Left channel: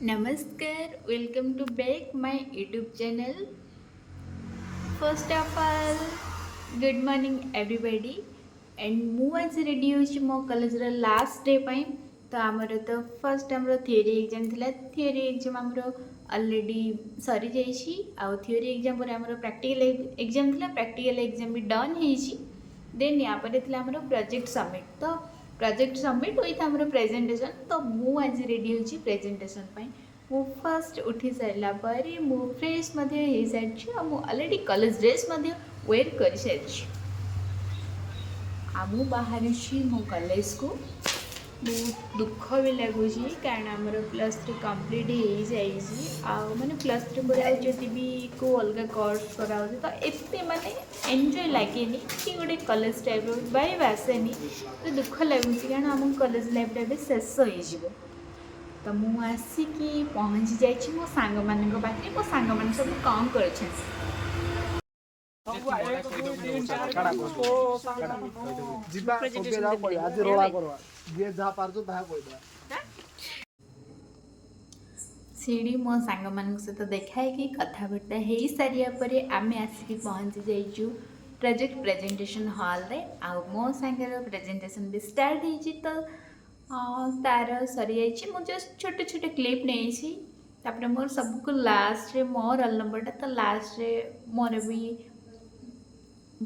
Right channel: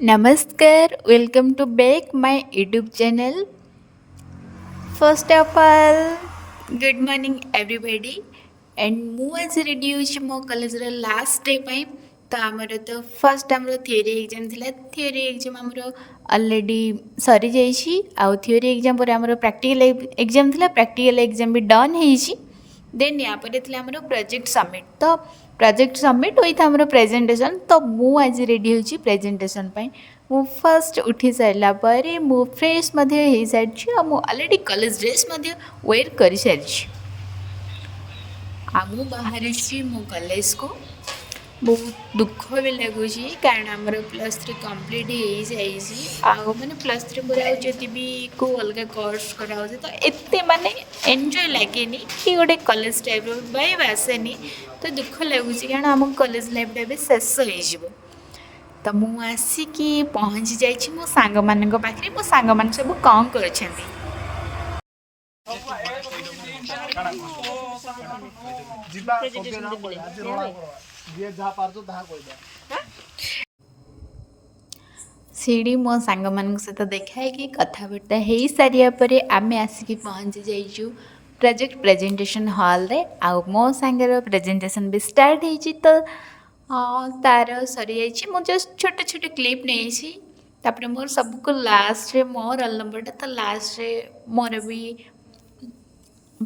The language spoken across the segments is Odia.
Namaskar, welcome to back my YouTube channel. First of all, good morning everybody. And ମୁଁ ଆଜି ରେଡ଼ି ହେଉଛି ମୋ କଲେଜର ଲାଷ୍ଟ ଡେ ପାଇଁ। ତ ଆମର ତ ଫାର୍ଷ୍ଟ ଆମର ଥିଓରି ଏକ୍ଜାମ୍ ଥିଲା। ଥିଓରି ଏକ୍ଜାମ୍ ଆମର ଅଲରେଡ଼ି ସରିଯାଇଛି। ଆଉ ଥିଓରି ଏକ୍ଜାମ୍ ପରେ ଆମର ପ୍ରାକ୍ଟିକାଲ ଏକ୍ଜାମ୍ ଥିଲା। ପ୍ରାକ୍ଟିକାଲ ଏକ୍ଜାମ୍ ବି ଡନ୍ ହେଇଛି। ଦେନ୍ ୟା ପରେ ଥିଲା ଆମର ପ୍ରୋଜେକ୍ଟ ସବମିଟ୍। ତ ପ୍ରୋଜେକ୍ଟ ସବମିଟ୍ ୱିଥ୍ ଆମର ପ୍ରେଜେଣ୍ଟେସନ୍। ତ ମୁଁ ଆଜି ରେଡ଼ି ହେଉଛି ପ୍ରେଜେଣ୍ଟେସନ୍ ପାଇଁ। ମୁଁ ଫାର୍ଷ୍ଟ ଉଠି ସାରିଲା ପରେ ମୁଁ ଫ୍ରେଶ୍ ମଧ୍ୟ ହେଇସାରିଛି। ଆଉ ମୁଁ ଅଲରେଡ଼ି କଲେଜ ଡ୍ରେସ୍ ମଧ୍ୟ ୱେର୍ କରିସାରିଛି। ଆଉ ମୁଁ ବାହାରିଛି ମୋ କଲେଜକୁ। ବହୁତ ଦୁଃଖ ବି ଲାଗୁଛି କାରଣ ଆମର ପ୍ଲସ୍ ଥ୍ରୀ କମ୍ପ୍ଲିଟ୍ ହେଇଯାଇଛି। ଆଉ ମାନେ ପ୍ଲସ୍ ଥ୍ରୀ ପରେ ଆଉ ଯଦି ବି କେଉଁ ଅଲଗା କୋର୍ସ କରାହେଉଛି ତ ଏତେ ମାନେ ଏନ୍ଜୟ ଲାଗେନି କି ଗୋଟେ କଲେଜ ଟାଇପ୍ର ଭାଇବ୍ ଆସେନି। ତ ଦୁଃଖ ଲାଗୁଛି କାରଣ ଆମ କଲେଜ ଲାଇଫ୍ଟା ଏବେ ଶେଷ ହେଇଯିବ। ତ ମୁଁ ଆସିକି ପହଞ୍ଚି ଯାଇଛି ମୋ ସାଙ୍ଗମାନଙ୍କ ପାଖରେ। ମୋ ସାଙ୍ଗମାନେ ସବୁ କ'ଣ କରୁଛନ୍ତି? ଯିବା ଆଜି ରୋଳା କରିବା ଯିଏ ଯାହା ପାରୁଛୁ ତାହା କହିଦେବା। ସେଇଠି ମୋ ସାଙ୍ଗମାନଙ୍କ ସହିତ ଦେଖା ହେଇକି କଥାବାର୍ତ୍ତା ହେଇସାରିବା ପରେ ଆମେ ଆସିକି ପହଞ୍ଚି ଯାଇଛୁ ପ୍ରେଜେଣ୍ଟେସନ୍ ହଲ୍ରେ। ଆଉ ମୋ ସାଙ୍ଗର ପ୍ରେଜେଣ୍ଟେସନ୍ ବି ଷ୍ଟାର୍ଟ ହେଇଛି। ତ ତା'ର ସରିଯାଇଛି। ମୁଁ ଜଷ୍ଟ ଛୋଟ ଛୋଟ କ୍ଲିପ୍ ନେଇଛି। ତାପରେ ମୋର ସବୁକୁ ଲାଷ୍ଟରେ ମୋ ରୋଲ୍ ନମ୍ବରଟା ତ ଲାଷ୍ଟରେ ମୋର ବି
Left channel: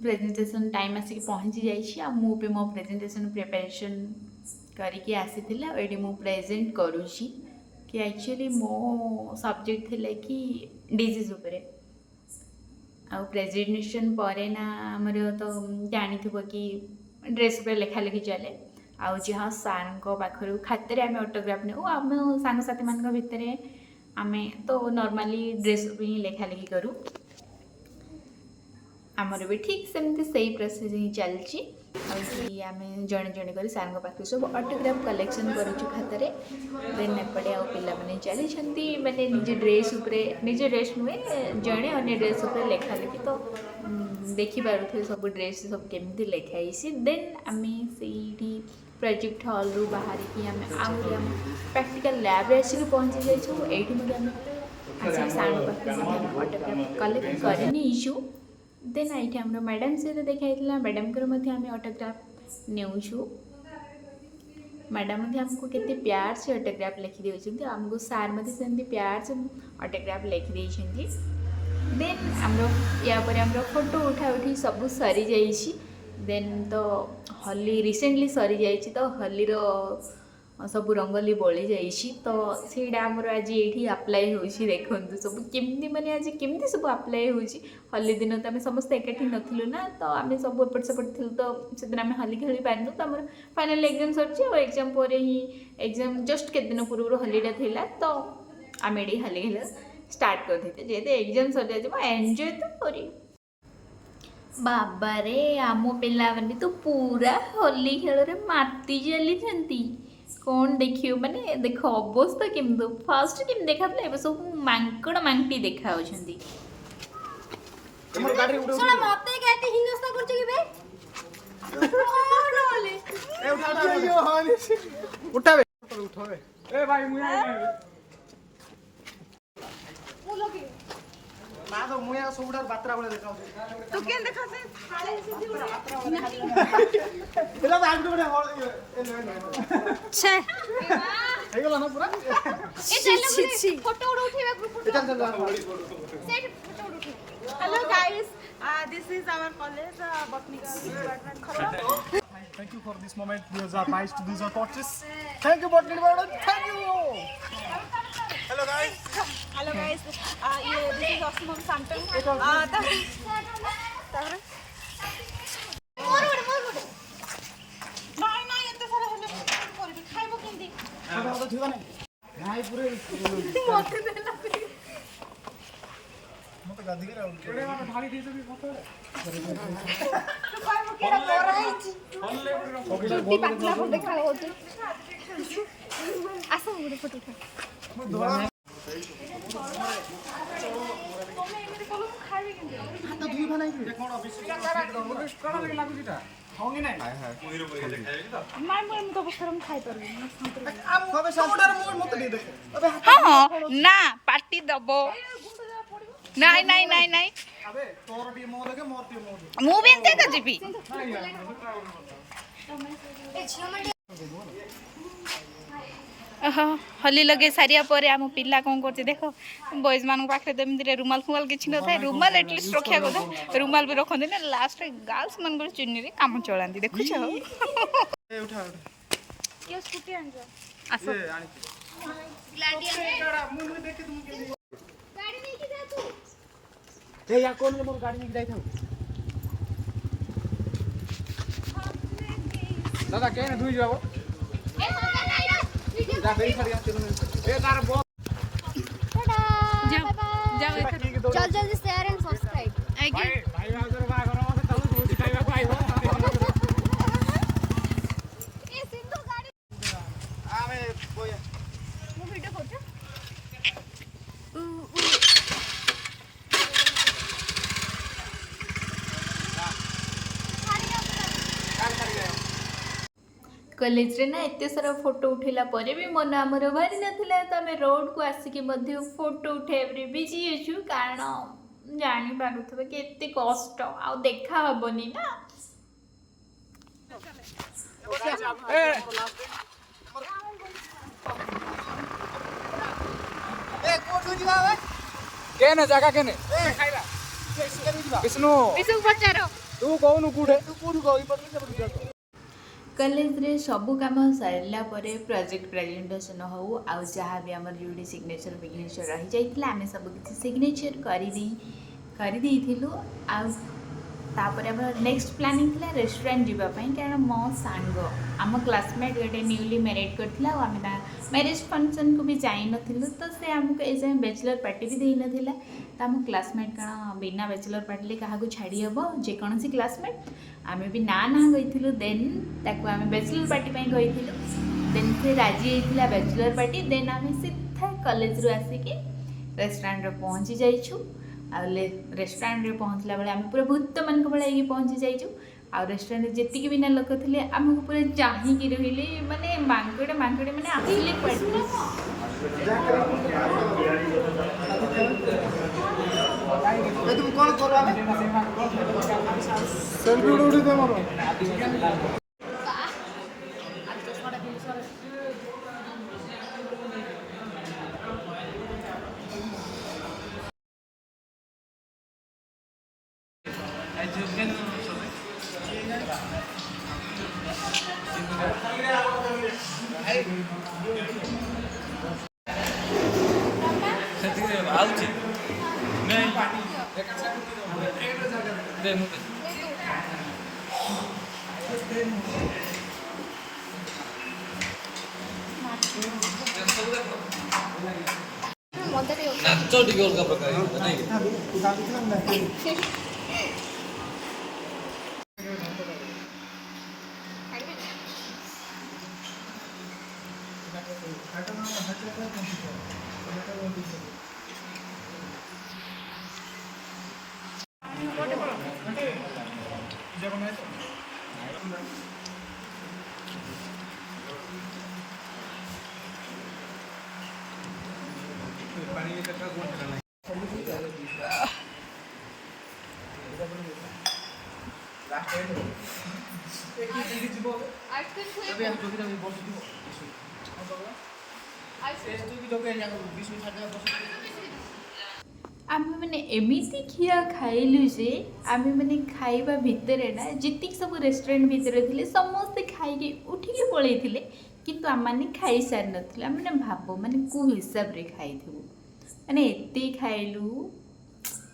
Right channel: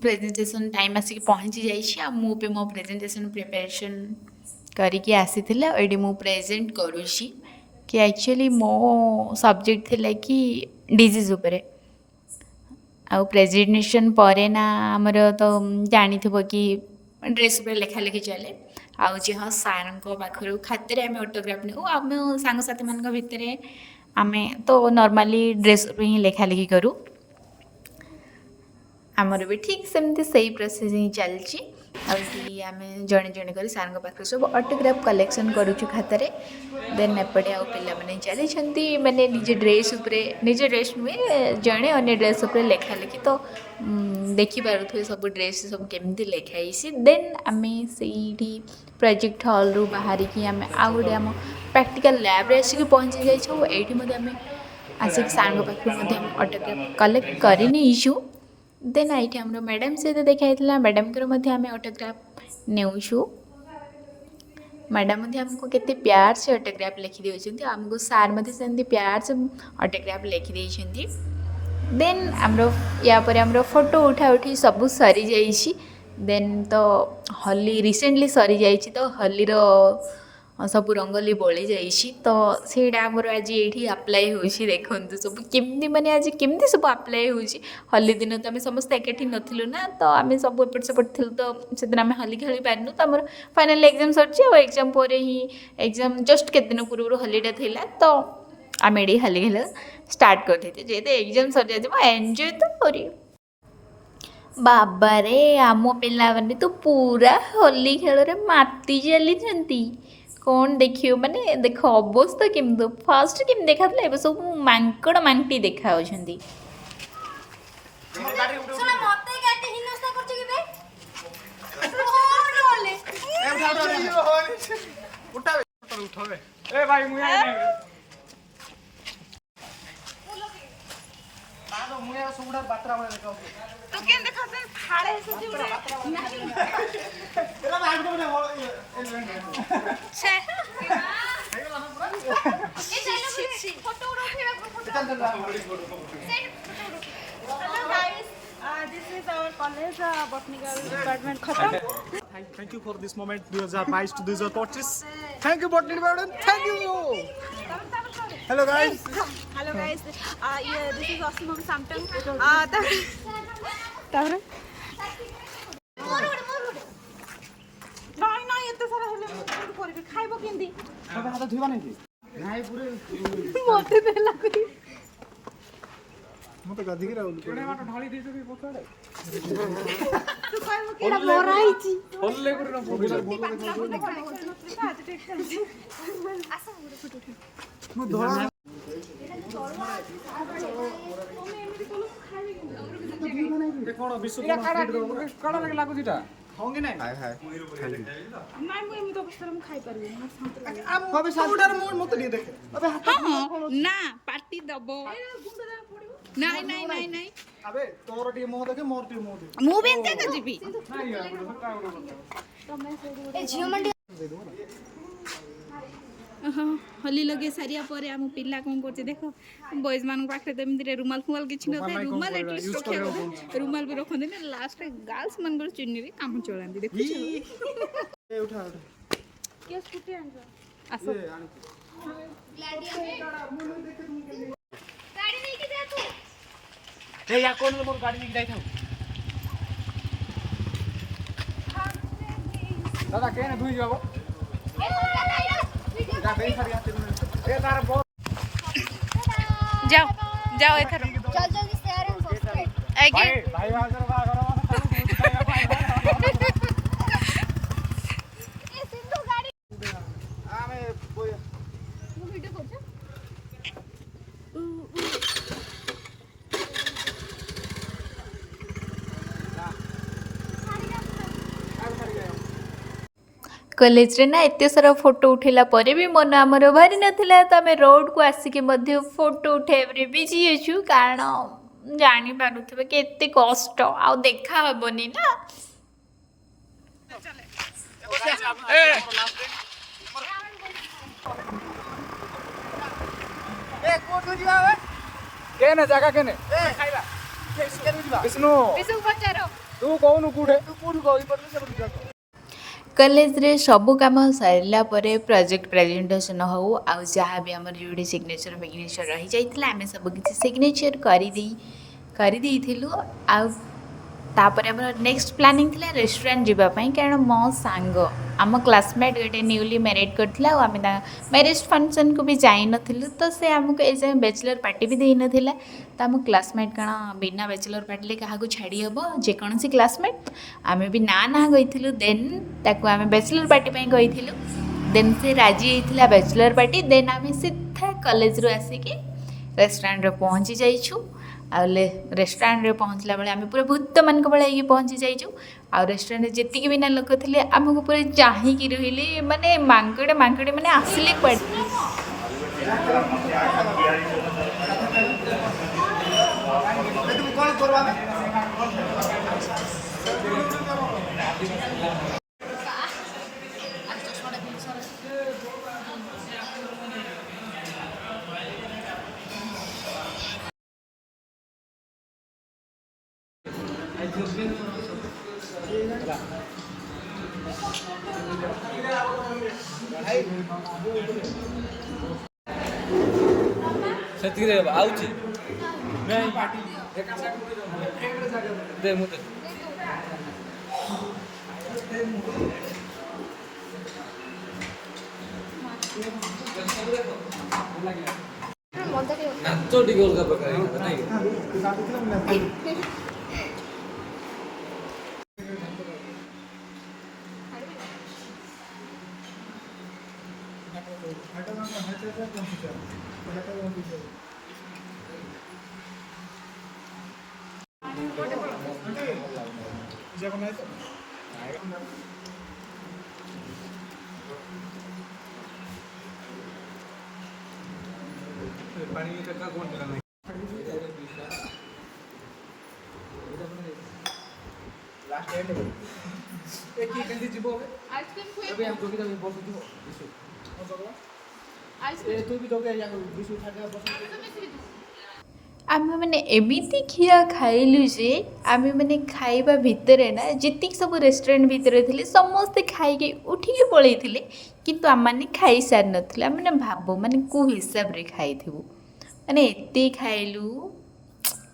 ପ୍ରେଜେଣ୍ଟେସନ୍ ଟାଇମ୍ ଆସିକି ପହଞ୍ଚି ଯାଇଛି। ଆଉ ମୁଁ ବି ମୋ ପ୍ରେଜେଣ୍ଟେସନ୍ ପ୍ରିପାରେସନ୍ କରିକି ଆସିଥିଲି। ଆଉ ଏଇଠି ମୁଁ ପ୍ରେଜେଣ୍ଟ କରୁଛି କି ଆକ୍ଚୁଆଲି ମୋ ସବଜେକ୍ଟ ଥିଲା କି ଡିଜିଜ୍ ଉପରେ। ଆଉ ପ୍ରେଜେଣ୍ଟେସନ୍ ପରେ ନା ଆମର ତ ଜାଣିଥିବ କି ଡ୍ରେସ୍ ଉପରେ ଲେଖାଲେଖି ଚାଲେ। ଆଉ ଯେ ହଁ ସାର୍ଙ୍କ ପାଖରୁ ଖାତାରେ ଆମେ ଅଟୋଗ୍ରାଫ୍ ନେଉ। ଆମେ ସାଙ୍ଗସାଥିମାନଙ୍କ ଭିତରେ ଆମେ ତ ନର୍ମାଲି ଡ୍ରେସ୍ ଉପରେ ହିଁ ଲେଖାଲେଖି କରୁ। ଆମର ବି ଠିକ୍ ସେମିତି ସେଇ ପ୍ରୋସେସ୍ ହିଁ ଚାଲିଛି। ଆଉ ଏଠି ଆମେ ଜଣେ ଜଣେ କରି ସାର୍ଙ୍କ ପାଖରୁ ସବୁ ଅଟୋଗ୍ରାଫ୍ କଲେକ୍ସନ୍ କରୁଛୁ ଖାତାରେ। ଦେନ୍ ଏପଟେ ଆଉ ପିଲାମାନେ ଚାଲିଛନ୍ତି ମାନେ ନିଜ ଡ୍ରେସ୍ ଉପରେ ନିଜ ଡ୍ରେସ୍ ନୁହେଁ ଜଣେ ଅନ୍ୟ ଡ୍ରେସ୍ ଉପରେ ଲେଖାଲେଖି। ତ ଦେଖିପାରୁଥିବେ ସବୁ ଡ୍ରେସ୍ ସବୁ କେମିତି ଲେଖା ହେଇଛି। ଦେନ୍ ଆମେ ସେଇଠି ପ୍ରୋଜେକ୍ଟ ହଲ୍ରୁ ବାହାରିକି ଆମେ ଆଉ ଗୋଟେ ଆମ ପ୍ରାକ୍ଟିକାଲ୍ ଲ୍ୟାବ୍ରେ ଆସିକି ପହଞ୍ଚି ଯାଇଛୁ। ଏଇଠି ମଧ୍ୟ ଆମେ ଆସିକି ସାର୍ଙ୍କ ପାଖରୁ ମଧ୍ୟ ଆମେ ଅଟୋଗ୍ରାଫ୍ କଲେକ୍ଟ କରି ନେଇଛୁ। ଦେନ୍ ଏଇଠି ଆମର ମ୍ୟାଡ଼ାମ୍ ସହିତ ଦେଖା ହେଇଥିଲା। ମ୍ୟାଡ଼ାମ୍ଙ୍କର ମଧ୍ୟ ଆମେ ଅଟୋଗ୍ରାଫ୍ ନେଉଛୁ। ମ୍ୟାଡ଼ାମ୍ ମଧ୍ୟ ଆମକୁ କେତେ ପ୍ୟାର ସେ ଅଟୋଗ୍ରାଫ୍ ଲେଖିଦେଉଛନ୍ତି। ଆମକୁ ସାର୍ ମଧ୍ୟ ସେମିତି ପ୍ୟାର ସେ ଅଟୋଗ୍ରାଫ୍ ଲେଖିଦେଇଛନ୍ତି। ଦେନ୍ ଆମର ୟା ପରେ ଆମର ଫଟୋ ଉଠାଉଠି ସବୁ ସରିଯାଇଛି। ଦେନ୍ ତ ହୋଲି ରିସେଣ୍ଟଲି ସରିଯାଇଛି। ତ ହୋଲିର ସବୁ ରଙ୍ଗୋଲି ବଳି ଯାଇଛି। ତ ସେଇଟା ଆମର ଆଜି ଏଇଠି ଆପ୍ଲାଏ ହେଉଛି। ଦେଖନ୍ତୁ ସବୁ କେମିତି ମାନେ ଆଜି କେମିତି ସବୁ ଆପ୍ଲାଏ ହେଉଛି। ହୋଲି ଦିନ ତ ଆମେ ସମସ୍ତେ ଏକାଠି ନଥିଲୁ ନା। ତ ଆମେ ସବୁ ଏପଟ ସେପଟ ଥିଲୁ। ତ ସେଦିନ ଆମେ ହୋଲି ଖେଳି ପାରିନୁ। ତ ଆମର ଫାଇନାଲ୍ ଏକ୍ଜାମ୍ ସରିଛି। ଆଉ ଏକ୍ଜାମ୍ ପରେ ହିଁ ଏକ୍ଜାମ୍ ଜଷ୍ଟ କେତେ ଦିନ ପୂର୍ବରୁ ହୋଲିଟା ଥିଲା। ତ ଆମେ ଏଠି ହୋଲି ଖେଳ ଷ୍ଟାର୍ଟ କରିଦେଇଛୁ। ଯେହେତୁ ଏକ୍ଜାମ୍ ସରିଯାଇଥିବ ଏନ୍ଜୟ ତ କରିବୁ। ବାବାରେ ଆମ ପିଲାମାନେ ତ ପୁରା ହୋଲି ଖେଳରେ ମାତି ଚାଲିଛନ୍ତି। କ'ଣ ଦେଖିବ ମାନେ ଦେଖ ଅବସ୍ଥା କେମିତି ଫାଷ୍ଟ କେମିତି ଦେଖାଥିଲା ଏବେ ସବୁ ମାଙ୍କଡ଼ ମାଙ୍କଟି ଦେଖାଯାଉଛନ୍ତି। ତୁ କେନ୍ ଦେଖାଉଛୁ ଫାଳେ ଛେ Hello guys, this is our college, botanical department Khatam. Thank you for this moment 2022 to 2025. Thank you botany department. Thank you. Hello guys. Hello guys, yeah, this is Osmam Samtang. তাহলে নাই নাই এত সারা হলে কি করবি খাইবো কেন্দি মতে দেলা মতে গাধি গিরা ঢালি দিতে ବି ପଛରେ ତୁ କହିବ କି ଏଟା ମରା ହେଇଛି ଭଲଲେ ସବୁଠାରୁ ଭଲ ଦେଖା ହଉଛି ଆସ ଗୋଟେ ଫଟୋ ଖା ମୁଁ ଧଳା ତମେ ଏମିତି କଲ ମୁଁ ଖାଇବି କେନ୍ତି ହାତ ଧୁଇ ଭାଇ ଏ କୋଣ ବିଶ୍ୱ କୋଣ ଲାଗୁଛି ଟା ଖାଉନି ନାଇଁ ନାଇଁ ମୁଁ ଏମିତି ଅବସ୍ଥାରେ ମୁଁ ଖାଇପାରିବିନି ମୁଁ ଶାନ୍ତି ରହିବି। হবে ସବୁଠାରୁ মতো দিয়ে দেখে ହଁ ନା ପାଟି ଦବ ନାଇଁ ନାଇଁ ନାଇଁ ନାଇଁ আবে তোর ଟିକେ মুহ দেখে মোর ଟିକେ মুহ দেখে ମୁଁ ବି ଏମିତି ଏକା ଯିବି ଓହୋ ହଲି ଲଗେଇ ସାରିବା ପରେ ଆମ ପିଲା କ'ଣ କରୁଛି ଦେଖ ବଏଜ୍ ମାନଙ୍କ ପାଖରେ ତ ଏମିତିରେ ରୁମାଲ ଫୁମାଲ କିଛି ନଥାଏ ରୁମାଲ ଏଟଲିଷ୍ଟ ରଖିବା କଥା ରୁମାଲ ବି ରଖନ୍ତି ନା ଲାଷ୍ଟରେ ଗାର୍ଲସ ମାନଙ୍କର ଚୁନିରେ କାମ ଚଳାନ୍ତି ଦେଖୁଛ ଏ ଉଠା ଉଠା କିଏ ସ୍କୁଟି ଆଣିଛ ଆସ ଏ ଆଣିଛି ମୁଁ ଦେଖେ ତୁମ କେମିତି ଗାଡ଼ି ନେଇକି ଯା ତୁ ଏ ୟା କୋନ ମୋର ଗାଡି ନେଇକି ଯାଇଥାଉ ଦାদା କେନ ଧୁଇ ଯିବ যা বেই সারি আসতে এ তার যাও যাও এথর जल्दी शेयर एंड सब्सक्राइब ଆଜ୍ଞା ଭାଇ ବାହାଘର ବାହାଘର ମାନେ ତାକୁ ବହୁତ ଖାଇବାକୁ ଆଇବ ए सिद्धू गाड़ी ଆମେ ବୋୟା वो वीडियो करते कॉलेज रे ना एते सारा फोटो उठेला परे भी मन आमर बाहरी नथिला तो आमे रोड को आसिके मध्य फोटो उठेबरे बिजी अछु कारण जानी पारुथबे केते कष्ट आ देखा हबनी ना ए कोठु जिबा बे केने जागा केने ए खाइबा केने जिबा विष्णु ବିଶୁ ପଚାର तू कोनु कुठे तू कोठु गई पडले से पडले जाको कॉलेज रे सब काम सारा पर प्रोजेक्ट प्रेजेंटेशन हो आउ जहाँ भी आम जो सिग्नेचर फिग्नेचर रही जाइए आम सब किसी सिग्नेचर कर तापर आम नेक्स्ट प्लानिंग थिला रेस्टोरेंट जीवाई कारण मो सांग आम क्लासमेट गोटे न्यूली मैरिड करथिला आम मैरिज फंक्शन को भी जाई नथिलु तो से आमको ए बैचलर पार्टी भी देई नथिला तो आम क्लासमेट कण बिना बैचलर पार्टी क्या छाड़ी हम जेकोसी क्लासमेट आम भी ना ना गई देन ताको आम बैचलर पार्टी गई देन से राजी होता बैचलर पार्टी देन आम सीधा कॉलेज रू आसिकी रेस्टोरेंट रे पहुँची जाइछु आउले रेस्टोरेंट रे पहुँचला बेले आम पूरा भूत मान भाई पहुँची जाइछु आ रेस्टोरेंट जी भी ना लोक थे आमको पूरा चाहिए रहिले माने मांकड़े मांकड़े माने आसिले पड़े तुम कोन करबा आई जो केन ସେତିକି ଆଉଛି ନାଚ ଟିକେ ଅଲଗା ପ୍ରକାର आम मैंने एमती खिया खाइलु जे आम मैंने खाइबा भितर ना जितिक सब रेस्टोरेंट भितर थे समस्ते खाई उठिकी पलई किंतु आम मैंने खाई सारी ना मैंने भाव माने को हिसाब रे खाई माने एते खाइलु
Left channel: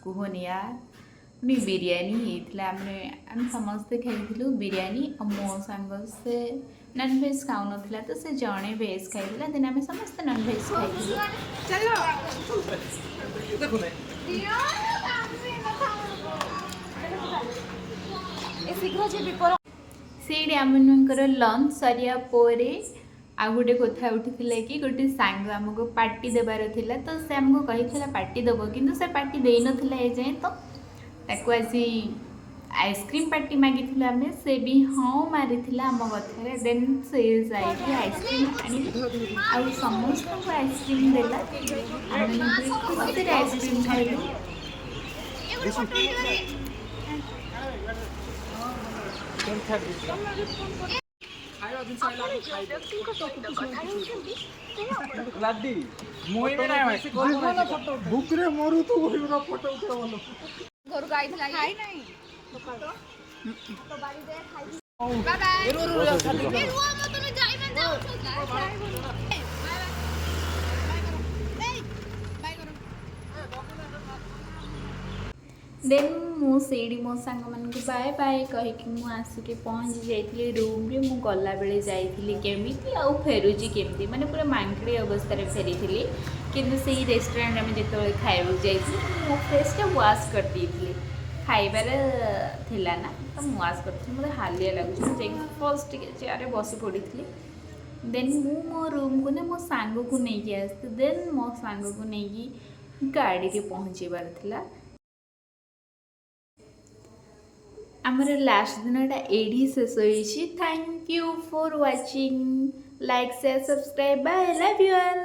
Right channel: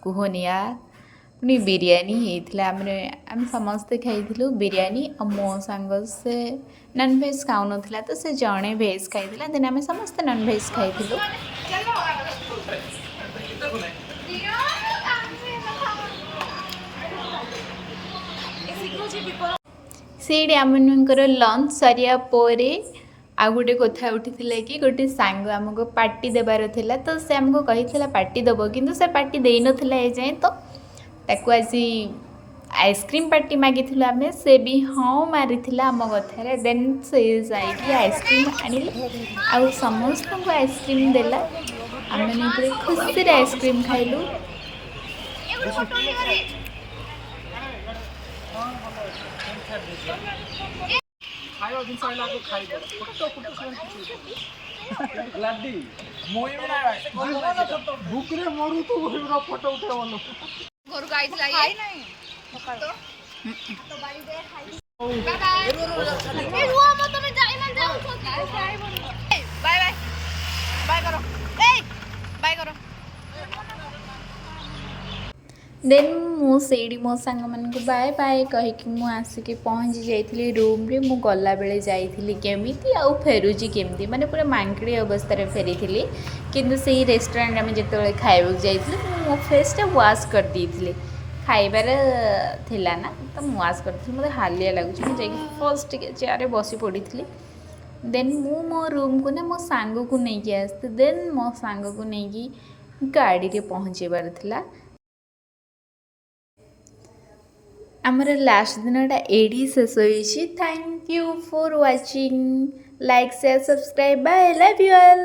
कुहनी यार पुनी बिरयानी होता आम समस्ते खाई बिरयानी और मो सांग से नॉन भेज खाऊ ना तो से जड़े भेज खाई देन आम समस्ते नॉन भेज खाई से आमकर लंच सारिया आ गोटे कथा उठी कि गोटे सांग आमको पार्टी देवार थिला तो से आमको कही पार्टी दब कि से पार्टी दे ना जाए तो ताको आसी आइसक्रीम पार्टी मागी आम से भी हाँ मारी आम कथार देन से जाइए आइसक्रीम आनिले आ समस्त को आइसक्रीम देला आम मैंने खुशी आइसक्रीम खाइलु खाଇବା ଜିନିଷ ଆଇଲା ଆଗେ ଖାଇବ ଫଟୋ ଫଟୋ ସେମାନେ କିଛି ଲାଡି ମୁଇ ବି ନାଇଁ ଫଟୋ ବୁକରେ ମରୁ ତୁ ବହିର ଫଟୋ ଉଠେଇବ ଭଲ ଘରକୁ ଆଇଥିଲା ଖାଇ ନାହିଁ तो बाड़ी दे खाई बाय बाय ए रुआ मत तमे जाई मन जाओ बाय बाय बाय करो ए बाय करो देन मुझे मो सांग मान बाय बाय कहीकि मु आसिक पहुँची जाइली रूम रे मु गला बेले जाइली केमिति आ फेरुची केमिति माने पूरा मांकड़ी अवस्था रे फेरी थी किंतु से रेस्टोरेंट में जिते खाइबा जाइली मो फेसटा वाश कर देइथिले खाइबार थिला ना तो मु वाश करथि मते हालिया लागुछ मु जाई फर्स्ट टिके चेयर बसी पड़ी थी देन मु मो रूम को ना मो सांग को नहीं के आस्ते देन मो सांग को नहीं की गाड़ी रे पहुँचेबार थिला आमर लास्ट दिनटा एडी शेष होइछि thank you for watching like share subscribe bye love you all.